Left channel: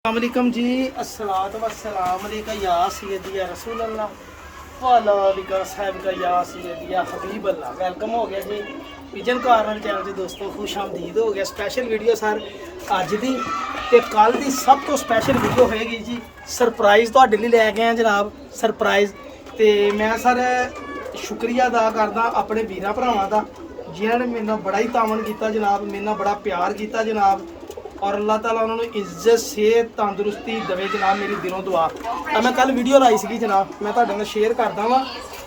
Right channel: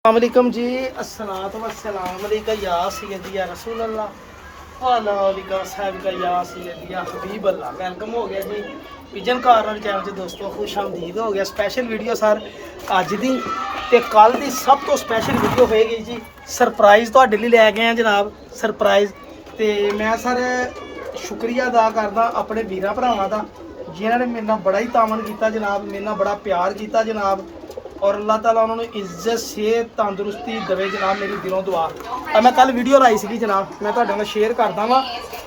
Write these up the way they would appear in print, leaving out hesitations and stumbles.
अस्सलामुअलैकुम जी। अस्सलातु वस्सलाम अलैका या सय्यदी या रसूल अल्लाह वाला अलिका साहब का या सय्यदी या हबीब अल्लाह। वेलकम हो गया जी पिजन कार्नर चैनल च दोस्तों, खुश आमदीद हो गया। स्पैशल वीडियो सर अज दी ते कल दी सब तो स्पैशल वीडियो होएगी जी। सरप्राइज़ तुहाडे लई लै गए हैं जनाब। सरप्राइज़ ते मैं सर शुक्रिया अदा करदा अपने वीरां भरावां दा जिन्हां ने मेरे नाल बड़ा ही तामन कीता जनाब, मेरे नाल बड़ा प्यार कीता जनाब। और अल्लाह ताला उन्होंने इज्जत सेहत तंदुरुस्ती दवे जनाब, मेरी दिलों दुआ। मैं कल वीडियो लाई सी जनाब, मैं तुहाडे नाल शेयर करदा वां।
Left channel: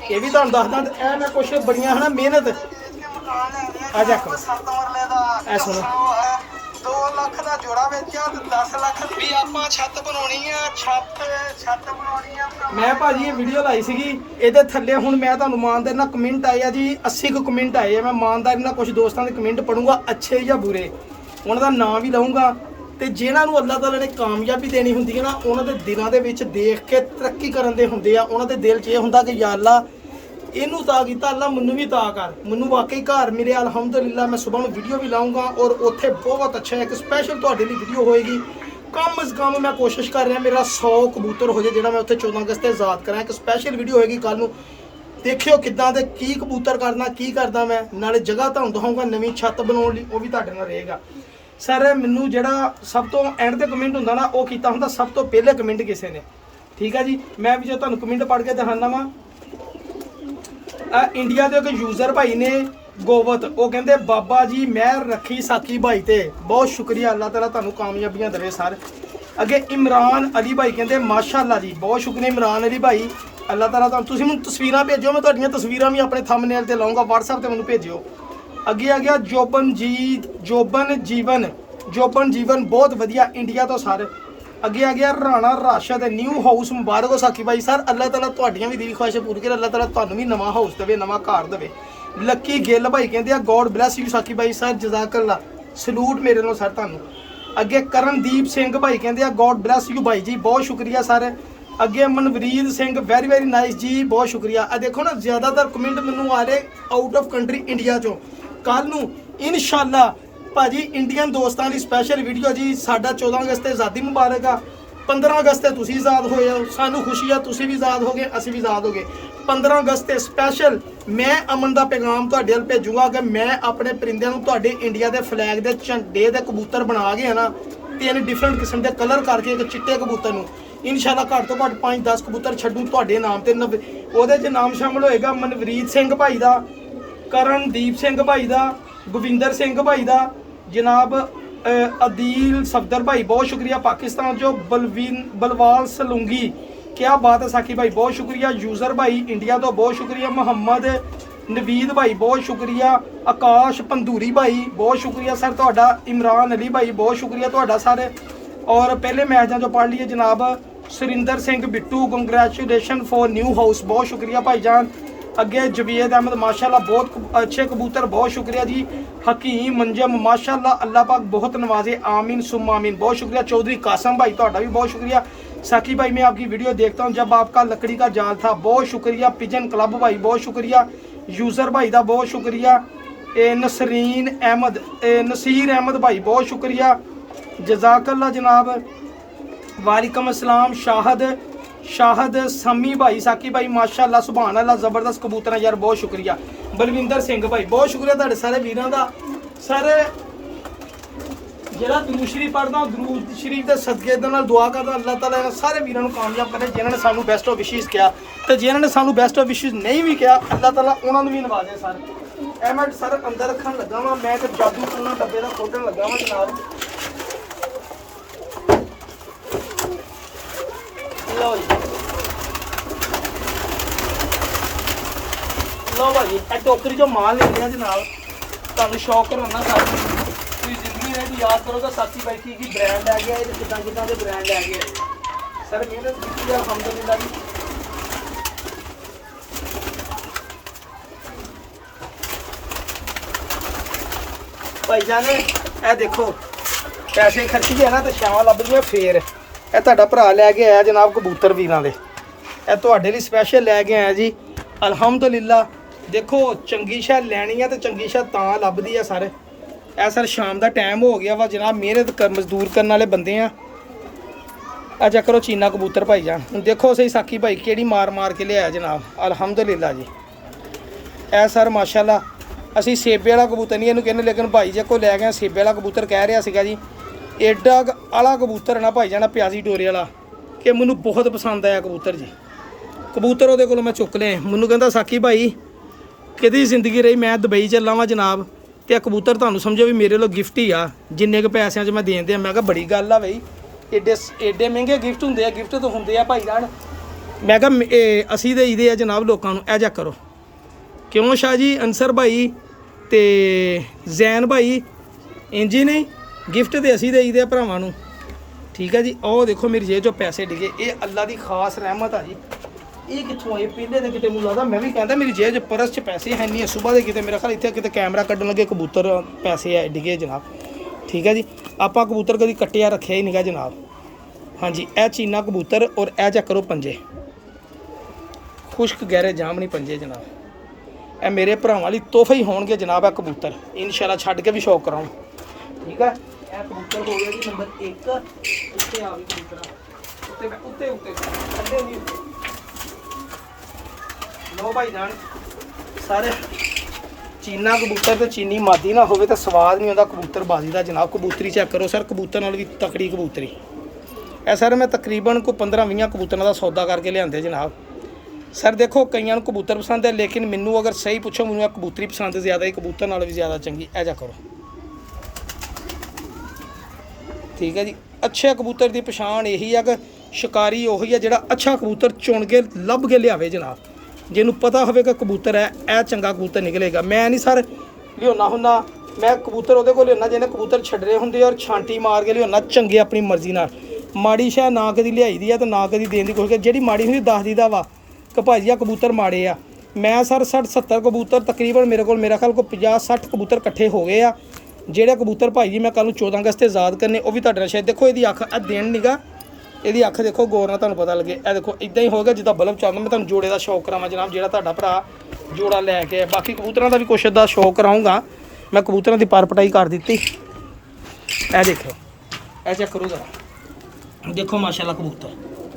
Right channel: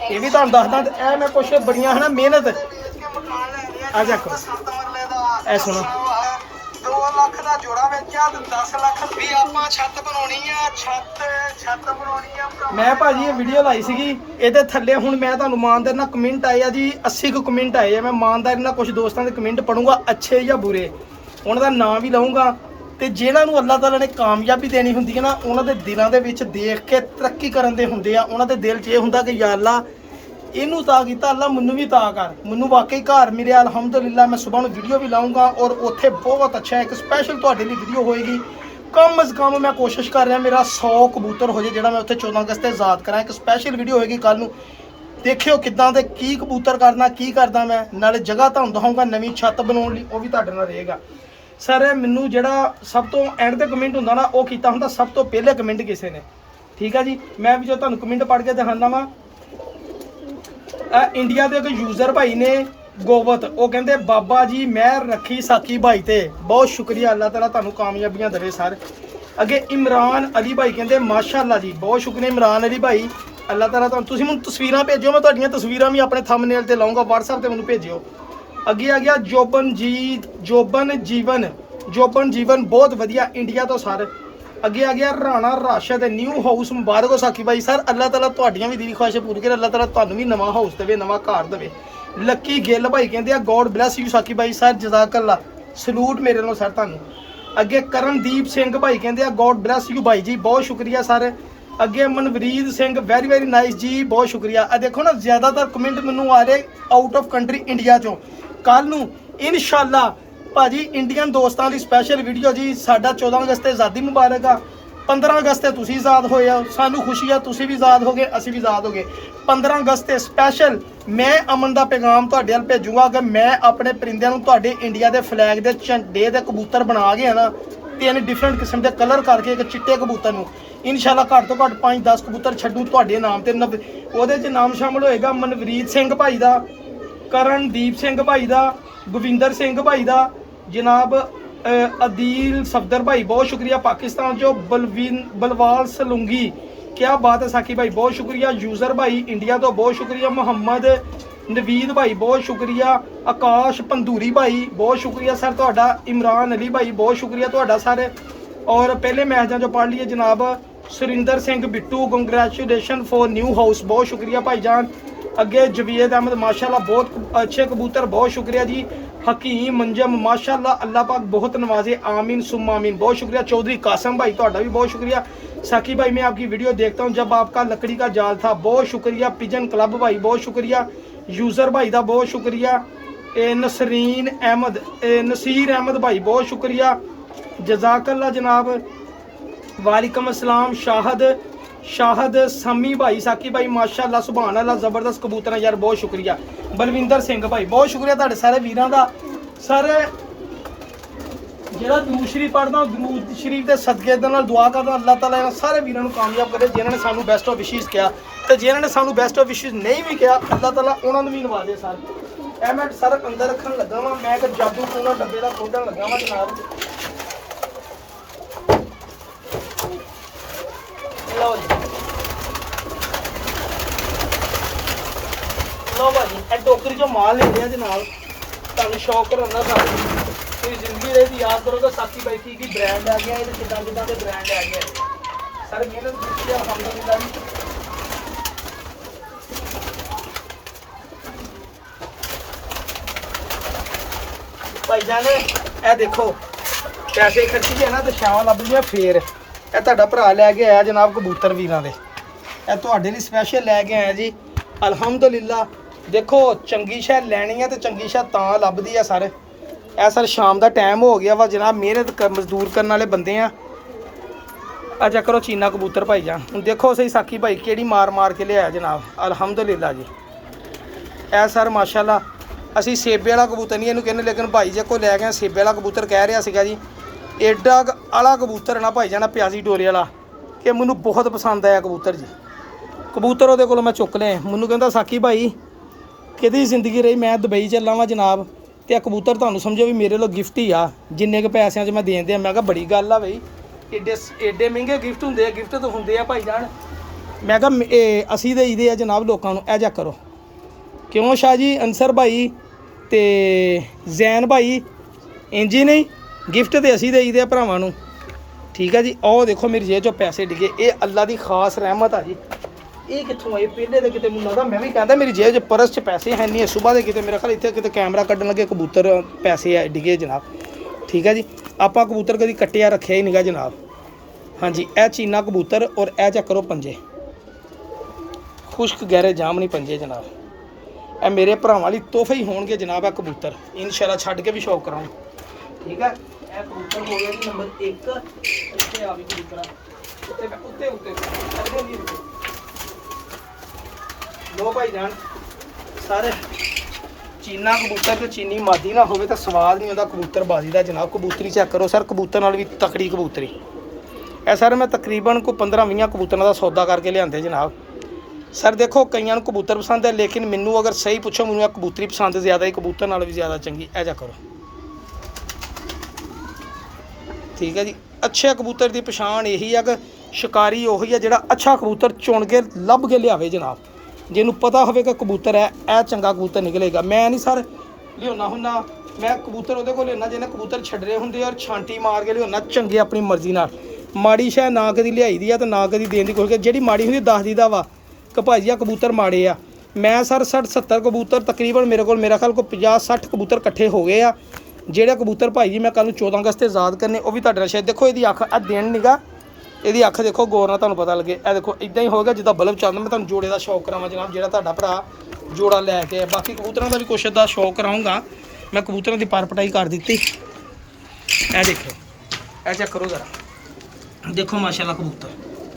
ये भी तुहानूं दसदा ए मैं कुछ बड़ियां है ना मेहनत आ देखो ए सुनो 2 ਲੱਖ ਦਾ ਜੋੜਾ ਵੇਚਿਆ ਤੇ 10 ਲੱਖ ਵੀ ਆਪਾਂ ਛੱਤ ਬਣਾਉਣੀ ਆ। ਛੱਤ ਬਣਾਉਣੀ ਆ ਮੈਂ ਭਾਜੀ। ਇਹ ਵੀਡੀਓ ਲਾਈ ਸੀਗੀ, ਇਹਦੇ ਥੱਲੇ ਹੁਣ ਮੈਂ ਤੁਹਾਨੂੰ ਇਮਾਨਦਾਰੀ ਨਾਲ ਕਮੈਂਟ ਆਏ ਆ ਜੀ 80 ਕੁ ਕਮੈਂਟ ਆਏ ਆ। ਮੈਂ ਇਮਾਨਦਾਰੀ ਨਾਲ ਕੁਝ ਦੋਸਤਾਂ ਦੇ ਕਮੈਂਟ ਪੜੂੰਗਾ, ਅੱਛੇ ਜਾਂ ਬੁਰੇ, ਉਹਨਾਂ ਦਾ ਨਾਮ ਵੀ ਲਾਉਂਗਾ। ਤੇ ਜਿਨ੍ਹਾਂ ਨੂੰ ਅੱਲਾਹ ਤਾਲਾ ਨੇ ਕਾਮਯਾਬੀ ਦੇਣੀ ਹੁੰਦੀ ਹੈ ਨਾ, ਉਹਨਾਂ ਦੇ ਦਿਲਾਂ ਦੇ ਵਿੱਚ ਦੇਖ ਕੇ ਤਰੱਕੀ ਕਰਨ ਦੇ ਹੁੰਦੇ ਆ। ਉਹਨਾਂ ਦੇ ਦਿਲ 'ਚ ਇਹ ਹੁੰਦਾ ਕਿ ਯਾ ਅੱਲਾ ਇਹਨੂੰ ਤਾਂ ਕੀਤਾ, ਅੱਲਾ ਮੈਨੂੰ ਵੀ ਤਾਂ ਕਰ। ਮੈਨੂੰ ਵਾਕਈ ਘਰ ਮਿਲਿਆ ਅਲਹਮਦੁਲਿਲਾ। ਮੈਂ ਸਵੇਰ ਨੂੰ ਵੀਡੀਓ ਵੀ ਲਾਉਂਗਾ ਔਰ ਉੱਥੇ ਬਹੁਤ ਅੱਛਾ ਇੱਕ ਸਪੈਸ਼ਲ ਤੁਹਾਡੇ ਲਈ ਵੀਡੀਓ ਹੋਏਗੀ। ਕਮ ਅਜ਼ ਕਮ ਮੈਂ ਕੋਸ਼ਿਸ਼ ਕਰ ਰਿਹਾ ਮੇਰਾ 100 ਕਬੂਤਰ ਹੋ ਜਾਏ ਜਿਹੜਾ ਮੈਂ ਉੱਥੇ 14 ਅਗਸਤ ਤੇ ਆਜ਼ਾਦ ਕਰਾਂ। ਇੱਕ ਸਪੈਸ਼ਲ ਵੀਡੀਓ ਹੋਏਗੀ ਕੱਲ ਨੂੰ, ਦੇਖਿਓ ਕਿੱਦਾਂ ਦੇ ਕੀ ਕਬੂਤਰ ਕਰਨਾ, ਕੀ ਕਰਦਾ ਮੈਂ। ਨਾਲੇ ਜਗ੍ਹਾ ਤੁਹਾਨੂੰ ਦਿਖਾਊਂਗਾ ਨਵੀਂ ਛੱਤ ਬਣਾਉਣ ਲਈ, ਉਹ ਵੀ ਤੁਹਾਡੇ ਨਾਲ ਰਹੇਗਾ। ਸਰ ਮੈਨੂੰ ਜਿਹੜਾ ਸਭ ਤੋਂ ਐਂਡ ਤੇ ਕਮੈਂਟ ਹੁੰਦਾ ਨਾ, ਉਹ ਕੀਤਾ ਹੁੰਦਾ ਸਭ ਤੋਂ ਪਹਿਲੇ ਕਮੈਂਟ ਕਿਸੇ ਨੇ, ਠੀਕ ਹੈ ਜੀ। ਮੈਂ ਵੀ ਜੋ ਤੁਹਾਨੂੰ ਕਮੈਂਟ ਪੜ੍ਹ ਕੇ ਦਿਖਾਉਂਦਾ ਵਾਂ। ਇੰਡੀਆ ਦੇ ਇੱਕ ਯੂਜ਼ਰ ਭਾਈ ਨੇ ਗੋਵਤ, ਉਹ ਕਹਿੰਦੇ ਬਾਬਾ ਜੀ ਮੈਂ ਰੱਖੀ ਸਾਕੀ ਭਾਈ ਤੇ ਬਹੁਤ ਸ਼ੁਕਰੀਆ, ਅੱਲਾਹ ਤਾਲਾ ਤੁਹਾਨੂੰ ਕਾਮਯਾਬੀਆਂ ਦੇਵੇ ਸਰ। ਅੱਗੇ ਇਮਰਾਨ ਅਲੀ ਭਾਈ ਕਹਿੰਦੇ ਮਾਸ਼ਾਅੱਲਾ ਜੀ, ਬਹੁਤ ਸ਼ੁਕਰੀਆ ਇਮਰਾਨ ਅਲੀ ਭਾਈ, ਅੱਲਾਹ ਤਾਲਾ ਤੁਹਾਨੂੰ। ਤੁਸੀਂ ਮੈਨੂੰ ਤਸਵੀਰਾਂ ਭੇਜੋ, ਮੈਂ ਤੁਹਾਡੀਆਂ ਤਸਵੀਰਾਂ ਵੀ ਆਪਣੇ ਥੰਬਨੇਲ ਤੇ ਲਾਉਂਗਾ, WhatsApp ਤੇ ਮੈਨੂੰ ਭੇਜਿਓ। ਅੱਗੇ ਆ ਗਿਆ ਜੋਬਨ ਜੀਵਨ ਬਹੁਤ ਵਧੀਆ ਇੰਡੀਆ ਤੋਂ ਸਰ। ਅੱਗੇ ਆ ਗਿਆ ਰਾਣਾ ਰਾਸ਼ਦ ਨਿਊ ਹਾਊਸ ਮੁਬਾਰਕ ਹੋ ਸਾਕੀ ਭਾਈ ਸਰ। ਅੱਲਾਹ ਤਾਲਾ ਤੁਹਾਡੀਆਂ ਵੀ ਦਿਲੀ ਖੁਆਇਸ਼ਾਂ ਪੂਰੀ ਕਰੇ, ਅੱਲਾਹ ਤਾਲਾ ਤੁਹਾਨੂੰ ਵੀ ਨਵਾਂ ਹਾਊਸ ਦੇਵੇ, ਨਵਾਂ ਘਰ ਦੇਵੇ। ਲੱਕੀ ਗਿੱਲ ਭਾਈ ਕਹਿੰਦੇ ਆ God bless you ਸਾਕੀ Bhai sir, ਜਜ਼ਾਕੱਲਾ, salute ਮੇਰੇ ਨਾਲ ਸਰ ਤੁਹਾਨੂੰ। ਅੱਗੇ ਕਰਨਦੀਪ ਸਿੰਘ ਭਾਈ ਕਹਿੰਦੇ ਆ ਗੋਡ ਬਲੈਸ ਯੂ ਭਾਈ ਜੀ, ਬਹੁਤ ਸ਼ੁਕਰੀਆ ਸਰ। ਅੱਗੇ ਮਨਵਰੀਤ ਸਿੰਘ ਵੈਰੀ ਨਾਈਸ ਜੀ, ਬਹੁਤ ਸ਼ੁਕਰੀਆ। ਆ ਦੇਖੋ ਨਾ ਜ਼ਿਆਦਾਤਰ ਕਮੈਂਟ ਮੈਨੂੰ ਆ ਰਹੇ ਆਊਟ ਆਫ ਕੰਟਰੀ ਇੰਡੀਆ ਚੋਂ। ਕੱਲ ਨੂੰ ਇਨਸ਼ਾਅੱਲਾ ਭਾਜੀ ਇੰਡੀਅਨ ਦੋਸਤਾਂ ਦੀ ਸਪੈਸ਼ਲ ਵੀਡੀਓ ਜੀ। ਸਾਡਾ 14 ਅਗਸਤ ਤੇ ਆਜ਼ਾਦੀ ਮੁਬਾਰਕ ਆ। 15 ਅਗਸਤ ਤੇ ਤੁਸੀਂ ਆਜ਼ਾਦ ਹੋਏ ਆ, ਸਾਨੂੰ ਖੁਸ਼ੀ ਆ, ਤੁਸੀਂ ਵੀ ਆਜ਼ਾਦ ਹੋ ਗਏ, ਅਸੀਂ ਵੀ ਆਜ਼ਾਦ ਹੋ ਗਏ। 15 ਅਗਸਤ ਤੇ ਸਪੈਸ਼ਲ ਮੈਂ ਅਮਨ ਦਾ ਪੈਗਾਮ ਤੁਹਾਡੇ ਵੱਲ ਭੇਜੂਗਾ ਕਿ ਮੈਂ ਆਪਣੇ ਪਰਿੰਦਿਆਂ ਨੂੰ ਤੁਹਾਡੇ ਇੰਡੀਆ ਦੇ ਫਲੈਗ ਦੇ ਝੰਡੇ ਦੇ ਕਬੂਤਰ ਬਣਾ ਕੇ ਨਾ 3 ਡਿਫਰੈਂਟ ਕਿਸਮ ਦੇ ਕਲਰ ਕਰਕੇ ਇੱਕ ਚਿੱਟੇ ਕਬੂਤਰ ਨੂੰ ਇਨਸ਼ਾਅੱਲਾ ਘੱਟ ਤੋਂ ਘੱਟ 5-10 ਕਬੂਤਰ ਛੱਡੂ ਤੁਹਾਡੇ ਨਾਮ ਤੇ। ਉਹਦੇ 'ਚ ਨਾਮ ਸ਼ਾਮਲ ਹੋਏਗਾ ਮਨਵਰੀਤ ਸਿੰਘ ਭਾਈ ਦਾ, ਕਰਨਦੀਪ ਸਿੰਘ ਭਾਈ ਦਾ, ਗੋਵਿੰਦਰ ਸਿੰਘ ਭਾਈ ਦਾ, ਜਨਾਬ ਅਦੀਲ ਸਫਦਰ ਭਾਈ ਬਹੁਤ ਸ਼ੁਕਰੀਆ ਪਾਕਿਸਤਾਨ ਜੋ, ਬਲਵਾਲ ਸਲੂੰਗੀ ਕਿਆ ਬਾਤ ਹੈ ਸਾਕੀ ਭਾਈ ਬਹੁਤ ਸ਼ੁਕਰੀਆ। ਯੂਜ਼ਰ ਭਾਈ ਇੰਡੀਆ ਤੋਂ ਬਹੁਤ ਸ਼ੁਕਰੀਆ। ਮੁਹੰਮਦ ਨਵੀਦ ਭਾਈ ਬਹੁਤ ਸ਼ੁਕਰੀਆ। ਆਕਾਸ਼ ਪੰਧੂਰੀ ਭਾਈ ਬਹੁਤ ਸ਼ੁਕਰੀਆ ਸਰ ਤੁਹਾਡਾ। ਇਮਰਾਨ ਅਲੀ ਭਾਈ ਬਹੁਤ ਸ਼ੁਕਰੀਆ ਤੁਹਾਡਾ ਸਰ। ਔਰ ਪਹਿਲੇ ਮੈਚਾਂ 'ਚੋਂ ਪੜ੍ਹ ਲਈਏ ਜਨਾਬ Surinder Singh Bittu, congratulation for new house, ਬਹੁਤ ਸ਼ੁਕਰੀਆ ਭਾਈ ਜਾਨ। ਅੱਗੇ ਜਵੇਦ ਅਹਿਮਦ ਮਾਸ਼ਾਅੱਲਾ ਬਹੁਤ ਅੱਛੇ ਕਬੂਤਰ, ਬਹੁਤ शुक्रिया जी। हकीम मंजम माशाल्लाह, अल्लाह पाक बहुत नवाजे, आमीन सुम्मा आमीन, बहुत शुक्रिया। चौधरी कासम भाई ਤੁਹਾਡਾ भी बहुत शुक्रिया। साकी भाई मैं आपकी वीडियो देखता हूँ जब आपका लकड़ी का जाल था, बहुत शुक्रिया। पिजन क्लब भाई बहुत शुक्रिया। यूज़र भाई का बहुत शुक्रिया। नसीर अहमद भाई बहुत शुक्रिया, जजाकल्ला जनाब। वालेकुम अस्सलाम। शाहद समी भाई साकी भाई माशाअल्लाह सुभान अल्लाह, ज़बरदस्त कबूतर यार, बहुत शुक्रिया। बलविंदर सिंह भाई बहुत शुक्रिया ਤੁਹਾਡੇ ਸਾਰੇ ਵੀਰਾਂ ਦਾ ਸਰ। ਜਿਹੜਾ ਦਰੂਦ ਸ਼ਰੀਫ ਪੜ੍ਹਦਾ, ਦਰੂਦ ਸ਼ਰੀਫ ਦੇ ਸਦਕੇ ਦੇ ਨਾਲ ਦੁਆ ਕਰਦਾ ਅੱਲਾਹ ਤਾਲਾ ਇਹਨਾਂ ਸਾਰੇ ਵੀਰਾਂ ਨੂੰ ਕਾਮਯਾਬ ਕਰੇ ਜਿਨ੍ਹਾਂ ਨੇ ਸਾਨੂੰ ਬੈਸਟ ਆਫ ਵਿਸ਼ੇਸ ਕਿਹਾ, ਤੇ ਜਿਨ੍ਹਾਂ ਨੇ ਸਾਨੂੰ ਬੈਸਟ ਆਫ ਵਿਸ਼ੇਸ ਨਹੀਂ ਵੀ ਕਿਹਾ ਅੱਲਾਹ ਤਾਲਾ ਉਹਨਾਂ ਨੂੰ ਵੀ ਨਵਾਜ਼ੇ ਸਰ। ਇਹ ਮੈਂ ਸਾਰਾ ਅੰਦਰ ਰੱਖਣ ਲੱਗਾ ਵਾਂ, ਮੈਂ ਇੱਕ ਜਾਦੂ ਟੋਨਾ ਡੱਬੇ ਦਾ ਖੋਲ੍ਹਣ ਲੱਗਾ ਵਾਂ ਜਨਾਬ। ਲਓ ਜੀ, ਲਓ ਭਾਜੀ ਇਹ ਟੋਕਰੀ ਚੋਂ ਮਾਲ ਲੈ ਲਿਆ ਜਨਾਬ। ਤੁਹਾਨੂੰ ਸ਼ੌਕ ਹੁੰਦਾ ਸਾਰੀ ਤੁਸੀਂ ਜ਼ਿੰਦਗੀ ਦੇ ਯਾਦ ਕਰੋਗੇ ਸਾਕੀ ਬਾਈ ਕੀ ਬ੍ਰਾਂਡ ਆ ਗਿਆ, ਇਹ ਕਿੱਦਾਂ ਦੇ ਬ੍ਰਾਂਡ ਆ ਗਿਆ ਸਰ। ਮਿਹਨਤ ਕੀਤੀ ਹੈ ਅਲਹਮਦੁਲਿਲਾ ਜੀ। ਭਾਈ ਜਾਨ ਇਹ ਦੇਖੋ ਪੈਸੇ ਖਰਚੀਏ ਨਾ ਤੇ ਸ਼ਾਮ ਲੱਭਦੀਆਂ ਫੇਰ। ਇਹ ਤੁਹਾਡਾ ਭਰਾ ਲੈ ਕੇ ਆਇਆ ਜਨਾਬ ਕਬੂਤਰ ਵੀਰਾਂ ਦੇ, ਇਹ ਤੁਹਾਡੇ ਲਈ ਸਪੈਸ਼ਲ ਲੈ ਕੇ ਆਇਆ ਜੀ ਅਲਹਮਦੁਲਿਲਾ। ਦੇਖੋ ਚੰਗੀ ਸ਼ੈ ਲੈਣੀ ਆ ਤੇ ਚੰਗੀ ਸ਼ੈ ਤਾਂ ਲੱਭਦੀ ਆ ਸਰ। ਇਹ ਸਰ ਸ਼ਾਮ ਦਾ ਟਾਈਮ ਹੋ ਗਿਆ ਵਾ ਜਨਾਬ, ਮਿਹਨਤ ਮਜ਼ਦੂਰ ਕਰਨ ਵਾਲੇ ਬੰਦੇ ਆ। ਆ ਚੈੱਕ ਕਰੋ ਚੀਨਾ ਕਬੂਤਰ ਭਾਈ ਜਾਨ। ਹੁਣ ਦੇਖੋ ਸਹੀ ਸਾਕੀ ਭਾਈ ਕਿਹੜੀ ਮਾਰ ਕੇ ਲਿਆਇਆ ਜਨਾਬ, ਅਲਹਮਦੁਲਿਲਾ ਜੀ। ਐ ਸਰ ਮਾਸ਼ਾਅੱਲਾ ਅਸੀਂ ਸੇਬੇ ਵਾਲਾ ਕਬੂਤਰ ਨਹੀਂ ਇਹਨੂੰ ਕਹਿੰਦੇ, ਲੇਕਿਨ ਭਾਈ ਜੇ ਕੋਈ ਲੈ ਗਿਆ ਸੇਬੇ ਵਾਲਾ ਕਬੂਤਰ ਕਹਿ ਰਿਹਾ ਸੀਗਾ ਜੀ। ਐਡਾ ਆਲਾ ਕਬੂਤਰ ਨਾ ਭਾਈ ਜਾਨ ਪਿਆਜ਼ੀ ਡੋਰੇ ਵਾਲਾ, ਕਿ ਮੈਨੂੰ ਬਹੁਤ ਪਸੰਦ ਆਇਆ ਕਬੂਤਰ ਜੀ। ਕਬੂਤਰ ਉਹਦੇ ਕੋਲੋਂ ਮੈਂ ਚੁੱਕ ਲਿਆ, ਮੈਨੂੰ ਕਹਿੰਦਾ ਸਾਕੀ ਭਾਈ ਕਿਹਦੀ ਜ਼ਿੰਦਗੀ ਰਹੀ, ਮੈਂ ਦੁਬਈ ਚੱਲਾਂ ਵਾਂ ਜਨਾਬ, ਤੇ ਆ ਕਬੂਤਰ ਤੁਹਾਨੂੰ ਸਮਝੋ ਵੀ ਮੇਰੇ ਲੋ ਗਿਫਟ ਹੀ ਆ, ਜਿੰਨੇ ਕੁ ਪੈਸਿਆਂ 'ਚ ਮੈਂ ਦੇਣ ਦਿਆਂ। ਮੈਂ ਕਿਹਾ ਬੜੀ ਗੱਲ ਆ ਬਈ, ਏਡੇ ਮਹਿੰਗੇ ਗਿਫਟ ਹੁੰਦੇ ਆ, ਗਿਫਟ ਤਾਂ ਹੁੰਦੇ ਆ ਭਾਈ ਜਾਨ। ਮੈਂ ਕਿਹਾ ਇਹ ਅਸੀਂ ਦੇਈਦੇ ਆ ਜਨਾਬ ਲੋਕਾਂ ਨੂੰ। ਇਹ ਜਾ ਕਰੋ ਕਿਉਂ ਸ਼ਾਹ ਜੀ, ਅਨਸਰ ਭਾਈ ਤੇ ਜ਼ੈਨ ਭਾਈ, ਇੰਜ ਹੀ ਨਹੀਂ ਗਿਫਟ ਤੇ ਅਸੀਂ ਦੇਈਦੇ ਆ ਭਰਾਵਾਂ ਨੂੰ, ਠੀਕ ਹੈ ਜੀ। ਉਹ ਦੇਖੋ ਮੇਰੀ ਜੇਬ 'ਚੋਂ ਪੈਸੇ ਡਿੱਗੇ, ਇਹ ਅੱਲਾ ਦੀ ਖਾਸ ਰਹਿਮਤ ਆ ਜੀ। ਇਹ ਕਿੱਥੋਂ ਆਏ ਪਹਿਲੇ ਤਾਂ ਕਿਤੇ ਮੈਨੂੰ ਲੱਗਦਾ, ਮੈਂ ਵੀ ਕਹਿੰਦਾ ਮੇਰੀ ਜੇਬ 'ਚ ਪਰਸ 'ਚ ਪੈਸੇ ਹੈ ਨਹੀਂ। ਸੁਬਾਹ ਦੇ ਕਿਤੇ ਮੇਰਾ ਖਿਆਲ ਇੱਥੇ ਕਿਤੇ ਕੈਮਰਾ ਕੱਢਣ ਲੱਗੇ ਕਬੂਤਰ ਪੈਸੇ ਆ ਡਿੱਗੇ ਜਨਾਬ, ਠੀਕ ਹੈ ਜੀ। ਆਪਾਂ ਕਬੂਤਰ ਕਦੀ ਕੱਟਿਆ ਰੱਖਿਆ ਹੀ ਨਹੀਂਗਾ ਜਨਾਬ। ਹਾਂਜੀ ਇਹ ਚੀਨਾ ਕਬੂਤਰ, ਔਰ ਇਹ ਚੈੱਕ ਕਰੋ ਪੰਜੇ, ਖੁਸ਼ਕ ਗਹਿਰੇ ਜਾਮਨੀ ਪੰਜੇ ਜਨਾਬ। ਇਹ ਮੇਰੇ ਭਰਾਵਾਂ ਲਈ ਤੋਹਫੇ ਹੀ ਹੋਣਗੇ ਜਨਾਬ। ਇਹ ਕਬੂਤਰ ਇਨਸ਼ਾਅੱਲਾ ਛੱਡ ਕੇ ਵੀ ਸ਼ੌਕ ਕਰਾਂਗੇ, ਠੀਕ ਹੈ। ਇਹ ਕਬੂਤਰ ਹੋ ਗਿਆ ਜੀ ਨੰਬਰ 1। ਇੱਥੇ ਆ ਵੀ ਕਬੂਤਰਾ ਉੱਤੇ ਲੋ ਭਾਈ ਜਾਨ। ਸਾਰੇ ਚੀਨਾ ਕਬੂਤਰ ਤੇ ਚੀਨੀ ਮਾਦੀ ਨਾ ਹੋਵੇ ਤਾਂ ਸਵਾਦ ਨਹੀਂ ਆਉਂਦਾ ਕਬੂਤਰ ਬਾਜ਼ੀ ਦਾ ਜਨਾਬ। ਕਬੂਤਰੀ ਚੈੱਕ ਕਰੋ ਸਰ, ਕਬੂਤਰ ਨਾਲ ਵੀ ਤਕੜੀ ਕਬੂਤਰੀ। ਇਹ ਸਰ ਮੈਂ ਤਕਰੀਬਨ ਕੋਈ 15-20 ਕਬੂਤਰਾਂ ਦਾ ਸੌਦਾ ਕਰਕੇ ਲਿਆਂਦੇ ਜਨਾਬ। ਸਰ ਦੇਖੋ ਕਈਆਂ ਨੂੰ ਕਬੂਤਰ ਪਸੰਦ ਹੈ, ਲੇਕਿਨ ਮੈਨੂੰ ਅਗਰ ਸਹੀ ਪੁੱਛੋ ਮੈਨੂੰ ਇਹ ਕਬੂਤਰੀ ਪਸੰਦ ਜ਼ਿਆਦਾ ਹੀ, ਕਬੂਤਰ ਨਾਲ ਵੀ ਜ਼ਿਆਦਾ ਚੰਗੀ। ਇਹ ਜਾ ਕਰੋ, ਠੀਕ ਹੈ ਜੀ। ਅੱਛੇ ਕਬੂਤਰ ਦੀ ਪਛਾਣ ਇਹੀ ਆ ਕਿ ਸ਼ਿਕਾਰੀ ਉਹੀ ਆ ਜਿਹੜਾ ਅੱਛਾ ਕਬੂਤਰ ਚੁਣ ਕੇ ਲੱਭ ਕੇ ਲਿਆਵੇ ਜਨਾਬ, ਜਿਹਨੂੰ ਪਤਾ ਹੋਵੇ ਕਿ ਕਬੂਤਰ ਹੈ ਇਹ ਚੰਗਾ ਕਬੂਤਰ ਨਿਕਲੇਗਾ। ਮੈਂ ਨਹੀਂ ਸਰ ਲਿਆਉਣਾ ਹੁੰਦਾ, ਮੈਂ ਕਬੂਤਰ ਉਹਦੇ ਕੋਲ ਲਿਆਉਣਾ ਜਿਹਨੇ ਕਬੂਤਰ ਛੱਡਰੇ ਹੁੰਦੇ ਔਰ ਛਾਂਟੀ ਮਾਰ ਕੇ ਲਿਆਉਣਾ ਚੰਗੇ ਆਪਣੀ ਮਰਜ਼ੀ ਨਾਲ। ਮਾੜੀ ਸ਼ਾਇ ਨਾ ਕਦੀ ਲਿਆਈ ਦੀ ਆ ਤੇ ਨਾ ਕਦੀ ਦੇਣ ਦੀ ਕੋਸ਼ਿਸ਼, ਜਿਹੜੀ ਮਾੜੀ ਹੁੰਦੀ ਦੱਸ ਦੀਦਾ ਵਾ ਕਿ ਭਾਜੀ ਆ ਕਬੂਤਰ ਮਾੜੇ ਆ। ਮੈਂ ਸਰ 60-70 ਕਬੂਤਰ ਤਕਰੀਬਨ ਮੇਰੇ ਕੋਲ ਮੇਰਾ ਖਿਆਲ ਕੋਈ 50-60 ਕਬੂਤਰ ਇਕੱਠੇ ਹੋ ਗਏ ਆ, ਜਿਹੜੇ ਕਬੂਤਰ ਭਾਈ ਜੀ ਮੈਂ ਕੱਲ੍ਹ ਨੂੰ 14 ਅਗਸਤ ਤੇ ਆਜ਼ਾਦ ਕਰਨੇ, ਉਹ ਵੀ ਤੁਹਾਡੇ ਨਾਲ ਸ਼ਾਇਦ। ਦੇਖੋ ਇਹਦੀ ਅੱਖ ਆ ਦੇਣ ਨਿਗਾ, ਇਹਦੀ ਅੱਖ ਦੇਖੋ ਗੌਰ ਨਾਲ ਤੁਹਾਨੂੰ ਪਤਾ ਲੱਗੇ। ਇਹ ਦੇਖੋ ਇਦਾਂ ਹੀ ਹੋਏਗਾ ਜਿੱਦਾਂ ਬਲਬ ਚੱਲਦਾ। ਮੈਂ ਤੁਹਾਨੂੰ ਜੋੜੇ ਦਾ ਸ਼ੌਕ ਕਰਾਵਾਂ ਜਨਾਬ, ਜਿਹੜਾ ਤੁਹਾਡਾ ਭਰਾ ਜੋੜਾ ਲੈ ਕੇ। ਬਾਕੀ ਕਬੂਤਰਾਂ ਦਾ ਵੀ ਕੁਛ ਦਾ ਸ਼ੌਕ ਕਰਾਊਂਗਾ ਮੈਂ। ਕਬੂਤਰਾਂ ਦੀ ਪਰ ਪਟਾਈ ਕਰ ਦਿੱਤੀ। ਇਹ ਦੇਖੋ, ਇਹ ਚੈੱਕ ਕਰੋ ਜ਼ਰਾ, ਦੇਖੋ ਮਾਸ਼ਾਅੱਲਾ ਕਬੂਤਰ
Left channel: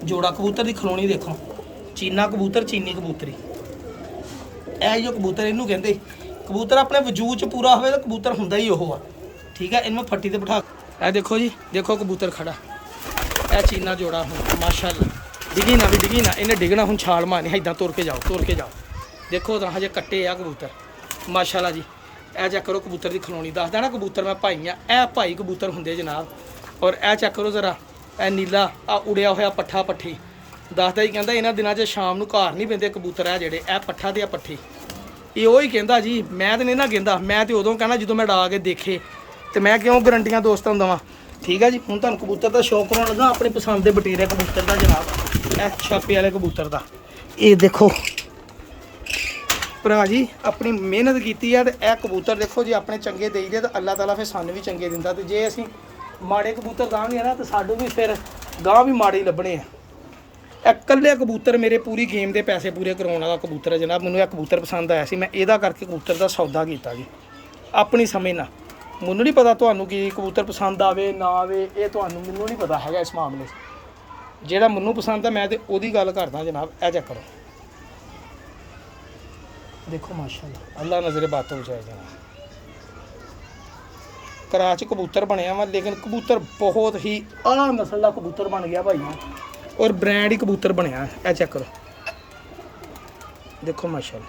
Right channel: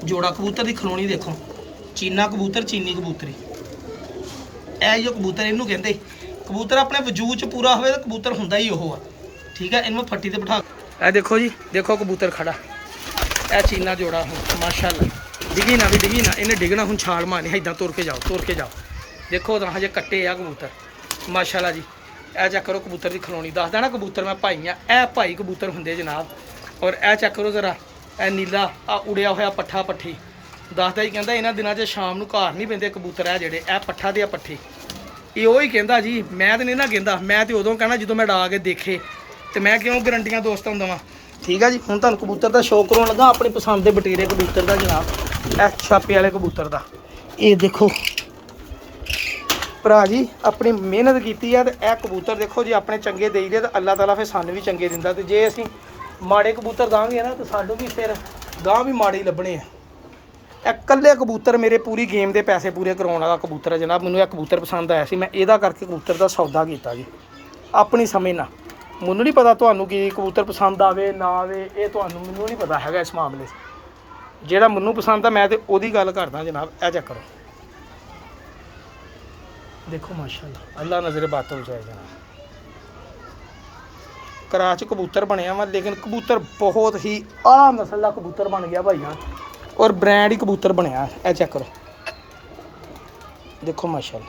ਜੋੜਾ। ਕਬੂਤਰ ਦੀ ਖਲੋਣੀ ਦੇਖੋ, ਚੀਨਾ ਕਬੂਤਰ ਚੀਨੀ ਕਬੂਤਰੀ। ਇਹ ਜੋ ਕਬੂਤਰ ਇਹਨੂੰ ਕਹਿੰਦੇ, ਕਬੂਤਰ ਆਪਣੇ ਵਜੂਦ 'ਚ ਪੂਰਾ ਹੋਵੇ ਤਾਂ ਕਬੂਤਰ ਹੁੰਦਾ ਹੀ ਉਹ ਆ, ਠੀਕ ਹੈ। ਇਹਨੂੰ ਫੱਟੀ ਤੇ ਬਿਠਾ। ਇਹ ਦੇਖੋ ਜੀ, ਦੇਖੋ ਕਬੂਤਰ ਖੜਾ, ਇਹ ਚੀਨਾ ਜੋੜਾ ਹੁਣ ਮਾਸ਼ਾਅੱਲਾ। ਡਿੱਗੀ ਨਾ ਵੀ ਡਿੱਗੀ ਨਾ, ਇਹਨੇ ਡਿੱਗਣਾ ਹੁਣ ਛਾਲ ਮਾਰਨੀ, ਇੱਦਾਂ ਤੁਰ ਕੇ ਜਾਓ। ਦੇਖੋ ਤਾਂ ਹਜੇ ਕੱਟੇ ਆ ਕਬੂਤਰ ਮਾਸ਼ਾਅੱਲਾ ਜੀ। ਇਹ ਚੈੱਕ ਕਰੋ ਕਬੂਤਰ ਦੀ ਖਲੋਣੀ, ਦੱਸਦਾ ਨਾ ਕਬੂਤਰ ਮੈਂ ਭਾਈ ਆ। ਇਹ ਭਾਈ ਕਬੂਤਰ ਹੁੰਦੇ ਜਨਾਬ। ਔਰ ਇਹ ਚੈੱਕ ਕਰੋ ਜ਼ਰਾ, ਇਹ ਨੀਲਾ ਆ ਉੜਿਆ ਹੋਇਆ ਪੱਠਾ ਪੱਠੀ, ਦੱਸਦਾ ਹੀ ਕਹਿੰਦਾ ਇਹਨਾਂ ਦਿਨਾਂ 'ਚ ਸ਼ਾਮ ਨੂੰ ਘਰ ਨਹੀਂ ਪੈਂਦੇ ਕਬੂਤਰ। ਆ ਜਿਹੜੇ ਇਹ ਪੱਠਾ ਤੇ ਆ ਪੱਠੀ, ਇਹ ਉਹ ਹੀ ਕਹਿੰਦਾ ਜੀ। ਮੈਂ ਤਾਂ ਨਹੀਂ ਨਾ ਕਹਿੰਦਾ, ਮੈਂ ਤਾਂ ਉਦੋਂ ਕਹਿਣਾ ਜਦੋਂ ਮੈਂ ਡਾ ਕੇ ਦੇਖੇ, ਤੇ ਮੈਂ ਕਿਉਂ ਗਰੰਟੀਆਂ ਦੋਸਤਾਂ ਨੂੰ ਦੇਵਾਂ, ਠੀਕ ਹੈ ਜੀ। ਹੁਣ ਤੁਹਾਨੂੰ ਕਬੂਤਰ ਦਾ ਸ਼ੌਕ ਕਰਾਉਣ ਲੱਗਾ ਆਪਣੀ ਪਸੰਦ ਦੇ ਬਟੀਰੇ ਕਬੂਤਰ ਦਾ ਜਨਾਬ। ਇਹ ਛਾਪੇ ਵਾਲੇ ਕਬੂਤਰ ਦਾ, ਇਹ ਦੇਖੋ ਭਰਾ ਜੀ ਆਪਣੀ ਮਿਹਨਤ ਕੀਤੀ ਆ। ਤੇ ਇਹ ਕਬੂਤਰ ਦੇਖੋ ਜੀ ਆਪਣੇ ਚੰਗੇ ਦੇਈਦੇ ਤਾਂ ਅੱਲਾਹ ਤਾਲਾ ਫਿਰ ਸਾਨੂੰ ਵੀ ਚੰਗੇ ਦਿੰਦਾ, ਤੇ ਜੇ ਅਸੀਂ ਮਾੜੇ ਕਬੂਤਰ ਦਾਂਗੇ ਨਾ ਤਾਂ ਸਾਨੂੰ ਵੀ ਫਿਰ ਗਾਂ ਵੀ ਮਾੜੇ ਹੀ ਲੱਭਣੇ ਆ। ਇਹ ਇਕੱਲੇ ਕਬੂਤਰ ਮੇਰੇ ਪੂਰੀ ਗੇਮ ਦੇ ਪੈਸੇ ਪੂਰੇ ਕਰਾਉਣ ਵਾਲਾ ਕਬੂਤਰ ਹੈ ਜਨਾਬ। ਮੈਨੂੰ ਇਹ ਕਬੂਤਰ ਪਸੰਦ ਆਇਆ ਸੀ, ਮੈਂ ਇਹਦਾ ਕਰਕੇ ਕਬੂਤਰ ਦਾ ਸੌਦਾ ਕੀਤਾ ਜੀ ਆਪਣੀ ਸਮਝ ਨਾਲ। ਮੈਨੂੰ ਨਹੀਂ ਪਤਾ ਤੁਹਾਨੂੰ ਕੀ ਕਬੂਤਰ ਪਸੰਦ ਆਵੇ ਨਾ ਆਵੇ, ਇਹ ਤੁਹਾਨੂੰ ਮੈਨੂੰ ਨਹੀਂ ਪਤਾ ਹੈਗਾ ਇਸ ਮਾਮਲੇ 'ਚ। ਜਿਹੜਾ ਮੈਨੂੰ ਪਸੰਦ ਆ ਮੈਂ ਤੇ ਉਹਦੀ ਗੱਲ ਕਰਦਾ ਜਨਾਬ। ਇਹ ਚੈੱਕ ਕਰੋ, ਦੇਖੋ ਮਾਸ਼ਾਅੱਲਾ, ਅੱਲਾ ਨਜ਼ਰੇ ਬਾਤੋਂ ਬਚਾਏ ਜਨਾਬ। ਕਰਾਚ ਕਬੂਤਰ ਬਣਿਆ ਵਾ, ਲੇਕਿਨ ਕਬੂਤਰ ਬਹੁਤ ਹੀ ਆਲਾ ਨਸਲ ਦਾ ਕਬੂਤਰ ਬਣ ਗਿਆ ਭਾਈਆਂ, ਔਰ ਬ੍ਰਾਂਡ ਹੀ ਕਬੂਤਰ ਬਣਿਆ। ਇਹ ਚੈੱਕ ਕਰੋ, ਦੇਖੋ ਮਾਸ਼ਾਅੱਲਾ।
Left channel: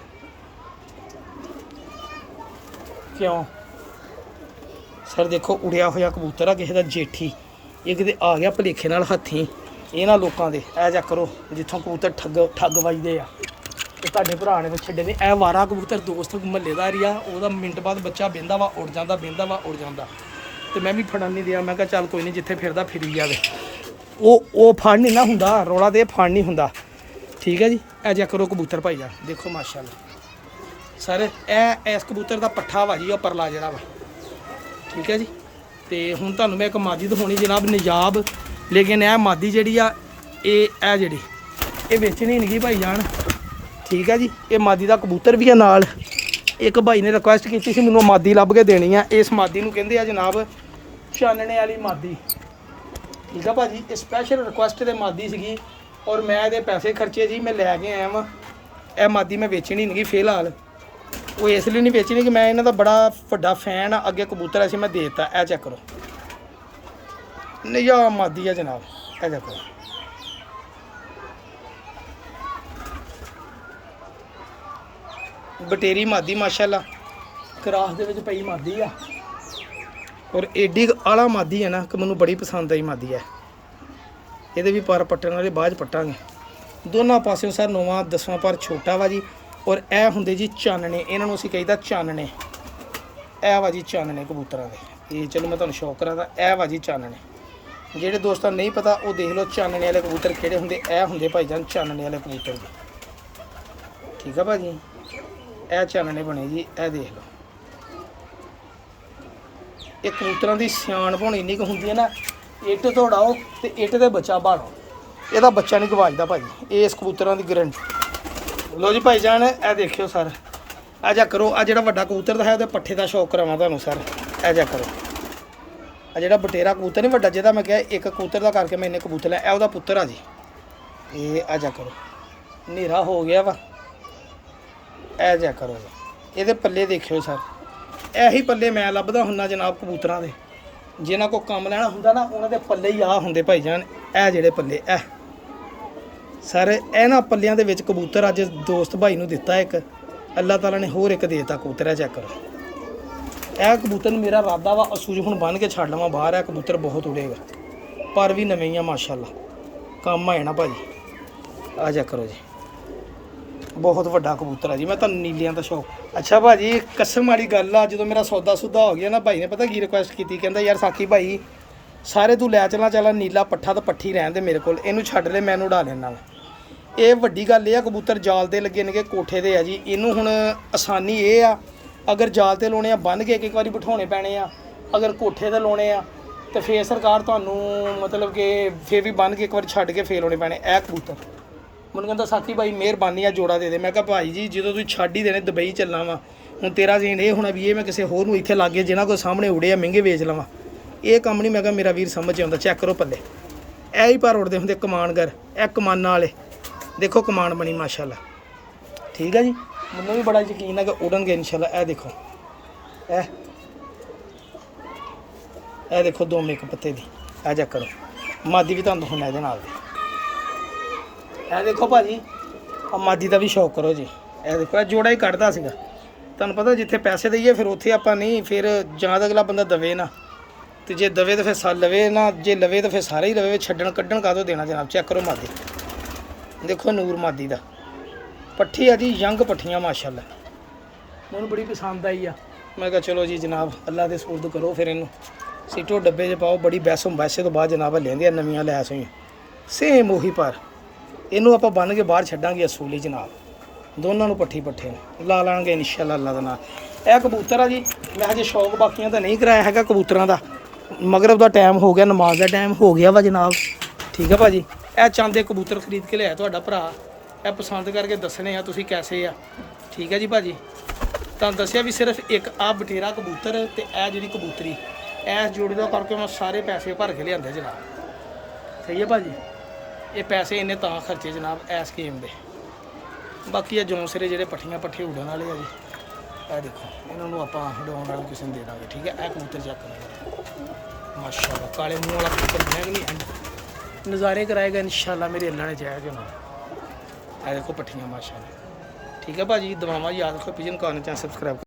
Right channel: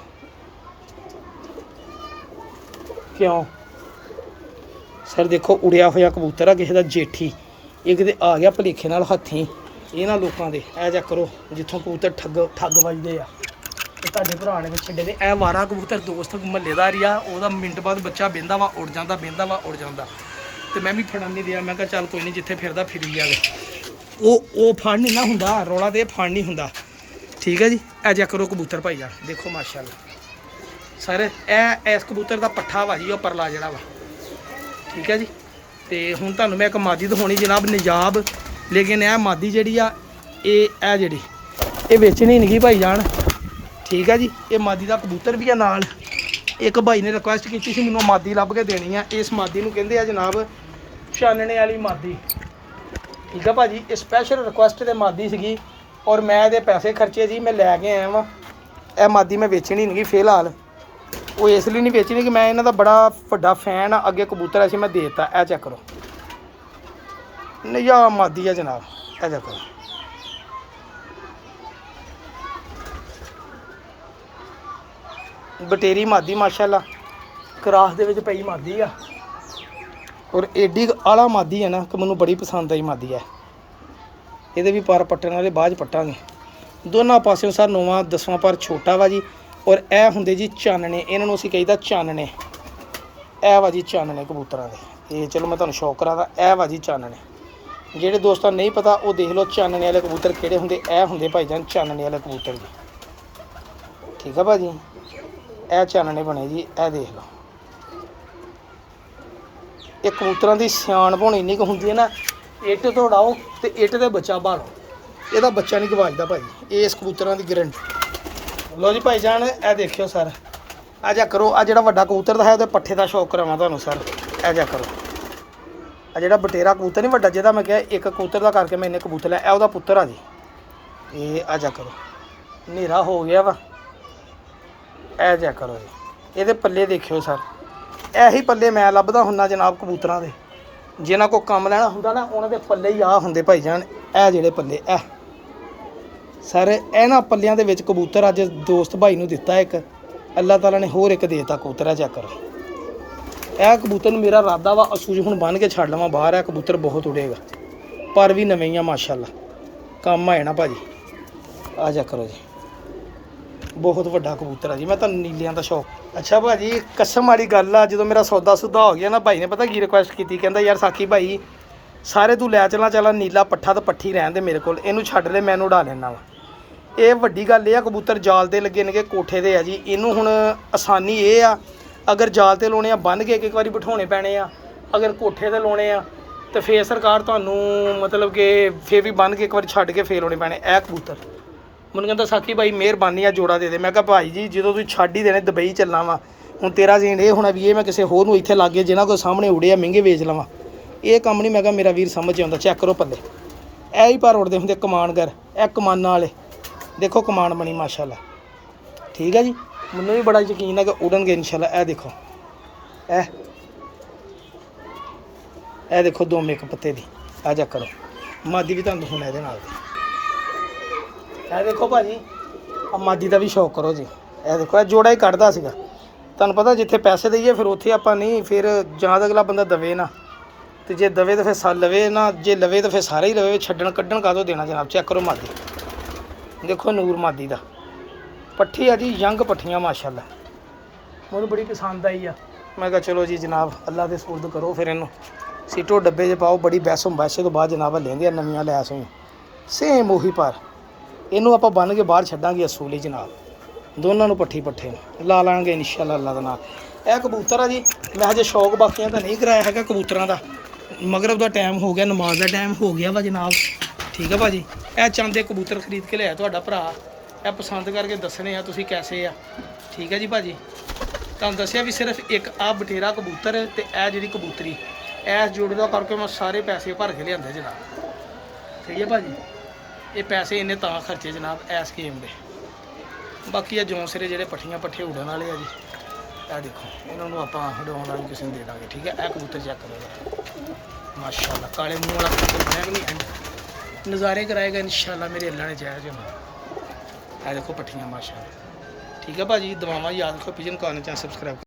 ਕਿਉਂ ਸਰ ਦੇਖੋ ਉੜਿਆ ਹੋਇਆ ਕਬੂਤਰ ਆ ਕਿਸੇ ਦਾ ਜੇਠੀ, ਇਹ ਕਿਤੇ ਆ ਗਿਆ ਭਲੇਖੇ ਨਾਲ ਹੱਥੀਂ ਇਹਨਾਂ ਲੋਕਾਂ ਦੇ। ਇਹ ਚੈੱਕ ਕਰੋ ਜਿੱਥੋਂ ਕਬੂਤਰ ਠੱਗ ਵੱਜਦੇ ਆ, ਤੇ ਤੁਹਾਡੇ ਭਰਾ ਨੇ ਛੱਡੇ ਨੇ। ਇਹ ਵਾਰਾ ਕਬੂਤਰ ਦੋਸਤ ਮਹੱਲੇਦਾਰੀ ਆ, ਉਹਦਾ ਮਿੰਟ ਬਾਅਦ ਬੱਚਾ ਬਹਿੰਦਾ ਵਾ ਉੜ ਜਾਂਦਾ, ਬਹਿੰਦਾ ਵਾ ਉੜ ਜਾਂਦਾ, ਤੇ ਮੈਂ ਵੀ ਫੜਨ ਨਹੀਂ ਦਿਆ। ਮੈਂ ਕਿਹਾ ਚੱਲ ਕੋਈ ਨਹੀਂ, ਜਿੱਥੇ ਫਿਰਦਾ ਫਿਰੀ ਜਾਵੇ। ਉਹ ਫੜ ਨਹੀਂ ਨਾ ਹੁੰਦਾ, ਰੌਲਾ ਤੇ ਫੜ ਨਹੀਂ ਹੁੰਦਾ, ਠੀਕ ਹੈ ਜੀ। ਇਹ ਚੈੱਕ ਕਰੋ ਕਬੂਤਰ ਭਾਈ ਆ, ਦੇਖੋ ਮਾਸ਼ਾਅੱਲਾ ਸਰ। ਇਹ ਇਸ ਕਬੂਤਰ ਦਾ ਪੱਠਾ ਵਾ ਜੀ, ਉਹ ਪਰਲਾ ਜਿਹੜਾ ਵਾ, ਠੀਕ ਹੈ ਜੀ। ਤੇ ਹੁਣ ਤੁਹਾਨੂੰ ਮੈਂ ਇੱਕ ਮਾਦੀ ਦਿਖਾਉਣੀ ਜਨਾਬ, ਨਿਜਾਬ। ਲੇਕਿਨ ਇਹ ਮਾਦੀ ਜਿਹੜੀ ਆ ਇਹ ਜਿਹੜੀ ਇਹ ਵੇਚਣੀ ਨਹੀਂ ਗਈ ਭਾਈ ਜਾਨ, ਠੀਕ ਹੈ ਜੀ। ਇਹ ਮਾਦੀ ਦਾ ਕਬੂਤਰ ਵੀ ਹੈ ਨਾਲ। ਇੱਕ ਭਾਈ ਨੇ ਰਿਕੁਐਸਟ ਕੀਤੀ ਸੀ ਮੈਨੂੰ ਮਾਦੀ ਲੱਭ ਕੇ ਦੇਣੀ ਆ। ਇਸ ਮਾਦੀ ਨੂੰ ਕਹਿੰਦੇ ਆ ਜਨਾਬ ਛਾਨਣੇ ਵਾਲੀ ਮਾਦੀ, ਠੀਕ ਆ ਭਾਜੀ। ਇਹ ਸਪੈਸ਼ਲ ਰਿਕੁਐਸਟ ਤੇ ਮਾਦੀ ਸੀਗੀ ਔਰ ਮੈਂ ਇਹਦੇ ਪੈਸੇ ਖਰਚੇ ਜੀ, ਮੈਂ ਲੈ ਕੇ ਆਇਆ ਵਾਂ। ਇਹ ਮਾਦੀ ਮੈਂ ਵੇਚਣੀ ਨਹੀਂ ਗੀ ਫਿਲਹਾਲ। ਉਹ ਇਸ ਲਈ ਨਹੀਂ ਵੇਚਣੀ ਕਿ ਮੈਂ ਇਹਨਾਂ ਦਾ ਬੜਾ ਵੱਡਾ ਫੈਨ ਆ। ਅੱਗੇ ਕਬੂਤਰ ਐਸੀ ਮੈਂ ਦੇ ਦਿੱਤਾ। ਇਹ ਚੈੱਕ ਕਰੋ, ਨਿਆ ਮਾਦੀ ਆ ਜਨਾਬ। ਇਹ ਚੈੱਕ ਕਰੋ, ਬਟੇਰੀ ਮਾਦੀ ਮਾਸ਼ਾਅੱਲਾ, ਕਰਾਸ ਦੇ ਵਿੱਚ ਪਈ ਮਾਦੀ ਆ ਔਰ ਏਡੀ ਆਲਾ ਮਾਦੀ ਹੈ ਨਾ ਕਿ ਮੈਨੂੰ ਬੜੀ ਪਸੰਦ ਆਈ ਮਾਦੀ ਹੈ। ਇਹਦੇ ਵੀ ਪਰ ਪੱਟਣ ਵਾਲੇ ਬਾਅਦ 'ਚ ਪੱਟਾਂਗੇ। ਦੋਨਾਂ ਪਾਸਿਓਂ ਸਰ 9ਵਾਂ 10ਵਾਂ ਪਰ ਛੋਟਾ ਵਾ ਜੀ। ਔਰ ਇਹ ਹੁੰਦੇ ਜੀ ਚਾਨਣੇ, ਇਹਨਾਂ ਨੂੰ ਅਸੀਂ ਕਹੀਦਾ ਚਾਨਣੇ। ਇਹ ਵਾ ਜੀ ਚਾਨਣੇ ਕਬੂਤਰਾਂ ਦੇ। ਇਹ ਚਲੋ ਮੈਂ ਤੁਹਾਨੂੰ ਸ਼ੌਕ ਕਰਾਂਦਾ। ਇਹ ਵਾ ਜੀ ਚਾਨਣੇ। ਜਿਹੜੇ ਦੋਸਤਾਂ ਨੂੰ ਨਹੀਂ ਪਤਾ ਉਹ ਦੇਖ ਲਓ ਚਾਨਣੇ ਵਾਲੇ ਕਬੂਤਰ ਕਿਹੜੇ ਹੁੰਦੇ। ਇਹ ਹੁੰਦੇ ਭਾਈਜਾਨ ਚਾਨਣੇ ਵਾਲੇ ਕਬੂਤਰ ਜੀ, ਠੀਕ ਆ ਭਾਜੀ। ਇਹ ਚਾਨਣੇ ਬਣੇ ਜੀ, ਇਹ ਦੇਖ ਲਓ। ਇਹ ਕਬੂਤਰਾਂ ਦੀ ਸਿਆਣਪ ਹੁਣ ਇੰਨੀ ਕੁ ਹੁੰਦੀ ਹੈ ਨਾ, ਇੱਟ ਤੋੜਾਓ ਤੇ ਇੱਟ ਦੇ ਬੱਚਾ ਭਾਲੋ, ਇਹਦਾ ਬੱਚਾ ਨਹੀਂ ਗਵਾਚਦਾ ਭਾਜੀ। ਇਸ ਕਬੂਤਰਾਂ ਦੀ ਗਰੰਟੀ। ਲਓ ਜੀ ਭਾਈਜਾਨ, ਇਹ ਦੇਖਿਓ ਸਰ। ਆ ਜਾ ਕਰੋ, ਆ ਜਿਹੜਾ ਵੱਡਾ ਕਬੂਤਰ ਦਾ ਹੈ ਉਹਦੇ ਪੱਠੇ ਦਾ ਸ਼ੌਕ ਕਰਾਵਾਂ ਤੁਹਾਨੂੰ ਸਰ। ਇਹ ਜਾ ਕਰੋ, ਆ ਜਿਹੜਾ ਬਟੇਰਾ ਕਬੂਤਰ ਨਹੀਂ ਵੱਡਾ ਜਿਹਦਾ ਮੈਂ ਕਿਹਾ ਇੱਕ ਕਬੂਤਰ ਦਾ ਕਰਕੇ ਮੈਂ ਇੰਨੇ ਕਬੂਤਰ ਲਿਆ, ਇਹ ਉਹਦਾ ਪੁੱਤਰ ਆ ਜੀ। ਇਹ ਆ ਜਾ ਕਰੋ, ਹਨੇਰਾ ਹੋ ਗਿਆ ਵਾ। ਇਹ ਜਾ ਕਰੋ ਜੀ, ਇਹਦੇ ਪੱਲੇ ਦੇਖਿਓ ਸਰ। ਇਹੀ ਪੱਲੇ ਮੈਂ ਲੱਭਦਾ ਹੁੰਦਾ ਜਨਾਬ ਕਬੂਤਰਾਂ ਦੇ। ਜਿਨ੍ਹਾਂ ਕੋ ਕੰਮ ਲੈਣਾ ਹੁੰਦਾ ਨਾ ਉਹਨਾਂ ਦੇ ਪੱਲੇ ਹੀ ਆ ਹੁੰਦੇ ਭਾਈਜਾਨ। ਇਹ ਜਿਹੜੇ ਪੱਲੇ ਇਹ ਸਰ, ਇਹਨਾਂ ਪੱਲਿਆਂ ਦੇ ਵਿੱਚ ਕਬੂਤਰ ਅੱਜ ਦੋਸਤ ਭਾਈ ਨੂੰ ਦਿੱਤਾ ਇੱਕ, ਅੱਲਾਹ ਤਾਲਾ ਨੇ ਹੋਰ ਇੱਕ ਦੇ ਦਿੱਤਾ ਕਬੂਤਰ। ਚੈੱਕ ਕਰੋ, ਇਹ ਕਬੂਤਰ ਨੂੰ ਮੇਰਾ ਇਰਾਦਾ ਵਾ ਅਸੂਜ ਹੁਣ ਬੰਨ੍ਹ ਕੇ ਛੱਡ ਲਵਾਂ ਬਾਹਰ। ਇਹ ਕਬੂਤਰ ਬਹੁਤ ਉੜੇਗਾ, ਪਰ ਵੀ ਨਵੇਂ ਹੀ ਆ ਮਾਸ਼ਾਅੱਲਾ, ਕੰਮ ਆ ਜਾਣਾ ਭਾਜੀ। ਆ ਚੈੱਕ ਕਰੋ ਜੀ, ਬਹੁਤ ਵੱਡਾ ਕਬੂਤਰ ਆ ਜੀ। ਮੈਂ ਤੁਹਾਨੂੰ ਨੀਲਿਆਂ ਦਾ ਸ਼ੌਕ। ਅੱਛਾ ਭਾਜੀ, ਕਸਮ ਵਾਲੀ ਗੱਲ ਆ, ਜਦੋਂ ਮੇਰਾ ਸੌਦਾ ਸੁਦਾ ਹੋ ਗਿਆ ਨਾ, ਭਾਈ ਨੇ ਪਤਾ ਕੀ ਰਿਕੁਐਸਟ ਕੀਤੀ, ਕਹਿੰਦਾ ਯਾਰ ਸਾਕੀ ਭਾਈ ਸਾਰੇ ਤੂੰ ਲੈ ਚਲਾ ਨੀਲਾ ਪੱਠਾ ਤਾਂ ਪੱਠੀ ਰਹਿਣ ਦੇ ਮੇਰੇ ਕੋਲ, ਇਹਨੂੰ ਛੱਡ ਲੈ, ਮੈਂ ਉਡਾ ਲੈਣਾ ਵਾ। ਇਹ ਵੱਡੀ ਗੱਲ ਇਹ ਆ, ਕਬੂਤਰ ਜਾਲ ਤੇ ਲੱਗੇ ਨੇਗੇ, ਕੋਠੇ ਦੇ ਆ ਜੀ। ਇਹਨੂੰ ਹੁਣ ਆਸਾਨੀ ਇਹ ਆ, ਅਗਰ ਜਾਲ ਤੇ ਲਾਉਣੇ ਆ ਬੰਨ੍ਹ ਕੇ ਇੱਕ ਵਾਰੀ ਬਿਠਾਉਣੇ ਪੈਣੇ ਆ, ਅਗਰ ਕੋਠੇ ਤੇ ਲਾਉਣੇ ਆ ਤੇ ਫੇਰ ਸਰਕਾਰ ਤੁਹਾਨੂੰ ਮਤਲਬ ਕਿ ਫੇਰ ਵੀ ਬੰਨ੍ਹ ਕੇ ਇੱਕ ਵਾਰੀ ਛੱਡ ਕੇ ਫੇਰ ਲਾਉਣੇ ਪੈਣੇ। ਇਹ ਕਬੂਤਰ ਮੈਨੂੰ ਕਹਿੰਦਾ ਸਾਕੀ ਭਾਈ ਮਿਹਰਬਾਨੀ ਆ ਜੋੜਾ ਦੇ ਦੇ। ਮੈਂ ਕਿਹਾ ਭਾਈ ਜੀ ਜਦੋਂ ਤੁਸੀਂ ਛੱਡ ਹੀ ਦੇਣੇ, ਦੁਬਈ ਚੱਲਣਾ ਵਾ, ਹੁਣ ਤੇਰਾ ਜ਼ੇਨ ਇਹ ਹੋਣਾ ਵੀ ਇਹ ਮੈਂ ਕਿਸੇ ਹੋਰ ਨੂੰ ਇੱਥੇ ਲਾਗੇ ਜਿਹਨਾਂ ਕੋਲ ਸਾਹਮਣੇ ਉੜੇ ਆ ਮਹਿੰਗੇ ਵੇਚ ਲਵਾਂ, ਇਹ ਕੰਮ ਨਹੀਂ। ਮੈਂ ਕਿਹਾ ਮੇਰਾ ਵੀਰ ਸਮਝ ਆਉਂਦਾ। ਚੈੱਕ ਕਰੋ ਪੱਲੇ, ਇਹ ਹੀ ਪਰ ਉੜਦੇ ਹੁੰਦੇ ਕਮਾਨਗਰ। ਇਹ ਕਮਾਨਾਂ ਵਾਲੇ ਦੇਖੋ, ਕਮਾਨ ਬਣੀ ਮਾਸ਼ਾਅੱਲਾ, ਠੀਕ ਆ ਜੀ। ਮੈਨੂੰ ਵੀ ਬੜਾ ਯਕੀਨ ਹੈ ਕਿ ਉੜਨਗੇ ਇਨਸ਼ਾਅੱਲਾ। ਇਹ ਦੇਖੋ, ਇਹ ਦੇਖੋ ਦੋਵੇਂ ਇੱਕ ਪੱਤੇ ਦੀ। ਆ ਚੈੱਕ ਕਰੋ, ਮਾਦੀ ਵੀ ਤੁਹਾਨੂੰ ਦਿਖਾਉਣਾ ਇਹਦੇ ਨਾਲ ਦੀ। ਇਹ ਦੇਖੋ ਭਾਜੀ, ਆ ਮਾਦੀ ਦਾ ਵੀ ਸ਼ੌਕ ਕਰੋ ਜੀ। ਇਹ ਦੇਖੋ, ਇਹ ਜੋੜਾ ਹੀ ਕੱਢਦਾ ਸੀਗਾ। ਤੁਹਾਨੂੰ ਪਤਾ ਜਿੱਥੇ ਪੈਸੇ ਦਈਏ ਫਿਰ ਉੱਥੇ ਆਪਾਂ ਨਹੀਂ, ਫਿਰ ਜਾਂ ਤਾਂ ਅਗਲਾ ਬੰਦਾ ਦਵੇ ਨਾ, ਤੇ ਜੇ ਦਵੇ ਤਾਂ ਫਿਰ ਲਵੇ ਨਾ, ਜੇ ਲਵੇ ਤਾਂ ਫਿਰ ਸਾਰੇ ਹੀ ਲਵੇ। ਛੱਡਣ ਕੱਢਣ ਕਾਹਤੋਂ ਦੇਣਾ ਜਨਾਬ। ਚੈੱਕ ਕਰੋ ਮਾਦੀ, ਦੇਖੋ ਨੂਰ ਮਾਦੀ ਦਾ ਪੱਠੀ ਆ ਜੀ, ਯੰਗ ਪੱਠੀਆਂ ਮਾਸ਼ਾਅੱਲਾ, ਮੈਨੂੰ ਬੜੀ ਪਸੰਦ ਆਈ ਆ। ਮੈਂ ਕਿਹਾ ਚਲੋ ਜੀ ਜਨਾਬ ਅੱਲਾ ਦੇ ਸਪੁਰਦ ਕਰੋ, ਫਿਰ ਇਹਨੂੰ ਸੀਟੋ ਡੱਬੇ 'ਚ ਪਾਓ। ਬੜੀ ਬੈਸੋਂ ਬੈਸੇ ਤੋਂ ਬਾਅਦ ਜਨਾਬ ਲੈਂਦੀਆਂ ਨਵੀਆਂ ਲੈਸ ਹੋਈਆਂ ਸੇਮ ਉਹੀ, ਪਰ ਇਹਨੂੰ ਆਪਾਂ ਬੰਨ੍ਹ ਕੇ ਬਾਹਰ ਛੱਡਾਂਗੇ ਅਸੂਲੀ ਜਨਾਬ। ਦੋਨਾਂ ਨੂੰ ਪੱਠੀ ਪੱਠੇ ਲਾ ਲਾਂਗੇ ਇਨਸ਼ਾਅੱਲਾ ਅੱਲਾ ਦੇ ਨਾਲ। ਇਹ ਕਬੂਤਰ ਆ ਜੀ, ਮੈਂ ਹਜੇ ਸ਼ੌਕ ਬਾਕੀਆਂ ਤਾਂ ਨਹੀਂ ਕਰਾਇਆ ਹੈਗਾ ਕਬੂਤਰਾਂ ਦਾ। ਮਗਰਬ ਦਾ ਟਾਈਮ ਹੋ ਗਿਆ, ਨਮਾਜ਼ ਦਾ ਟਾਈਮ ਹੋ ਗਿਆ ਵਾ ਜਨਾਬ, ਠੀਕ ਆ ਭਾਜੀ। ਇਹ ਚਾਂਦੇ ਕਬੂਤਰ ਖਰੀਦ ਕੇ ਲਿਆ ਤੁਹਾਡਾ ਭਰਾ, ਇਹ ਪਸੰਦ ਕਰਕੇ ਦੱਸਣੇ ਆ ਤੁਸੀਂ ਕੈਸੇ ਆ, ਠੀਕ ਹੈ ਜੀ ਭਾਜੀ। ਤੁਹਾਨੂੰ ਦੱਸਿਆ ਵੀ ਸਿਰਫ ਇੱਕ ਆ ਬਟੇਰਾ ਕਬੂਤਰ ਤੇ ਇਹ ਜਿਹੜੀ ਕਬੂਤਰੀ, ਇਸ ਜੋੜੀ ਦਾ ਕਰਕੇ ਮੈਂ ਸਾਰੇ ਪੈਸੇ ਭਰ ਕੇ ਲਿਆਂਦੇ ਜਨਾਬ, ਸਹੀ ਹੈ ਭਾਜੀ। ਇਹ ਪੈਸੇ ਇੰਨੇ ਤਾਂ ਖਰਚੇ ਜਨਾਬ ਇਸ ਸਕੀਮ ਦੇ। ਬਾਕੀ ਆ ਜੌਂਸਰੇ ਜਿਹੜੇ ਪੱਠੀਆਂ ਪੱਠੇ ਉਡਣ ਵਾਲੇ ਆ ਜੀ, ਇਹ ਦੇਖੋ, ਇਹਨਾਂ ਨੂੰ ਆਪਾਂ ਉਡਾਉਣ ਵਾਲੇ ਕਿਸੇ ਨੂੰ ਦੇ ਦਾਂਗੇ, ਠੀਕ ਹੈ। ਇਹ ਕਬੂਤਰ ਚੈੱਕ ਕਰੋ ਜਰਾ, ਮਾਸ਼ਾਅੱਲਾ ਕਾਲੇ ਮੂੰਹ ਵਾਲਾ ਕਬੂਤਰ ਬਣਿਆ ਕਿ ਨਹੀਂ, ਐਂਡ ਨਜ਼ਾਰੇ ਕਰਾਏਗਾ ਇਨਸ਼ਾਅੱਲਾ ਮੇਰੇ ਅੱਲਾ ਨੇ ਚਾਹਿਆ ਜਨਾਬ। ਇਹ ਦੇਖੋ ਪੱਠੀਆਂ ਮਾਸ਼ਾਅੱਲਾ, ਠੀਕ ਹੈ ਭਾਜੀ। ਦੁਆਵਾਂ ਯਾਦ ਰੱਖੋ, ਪਿਜਨ ਕਾਰਨ ਚੈਨਲ ਸਬਸਕ੍ਰਾਈਬ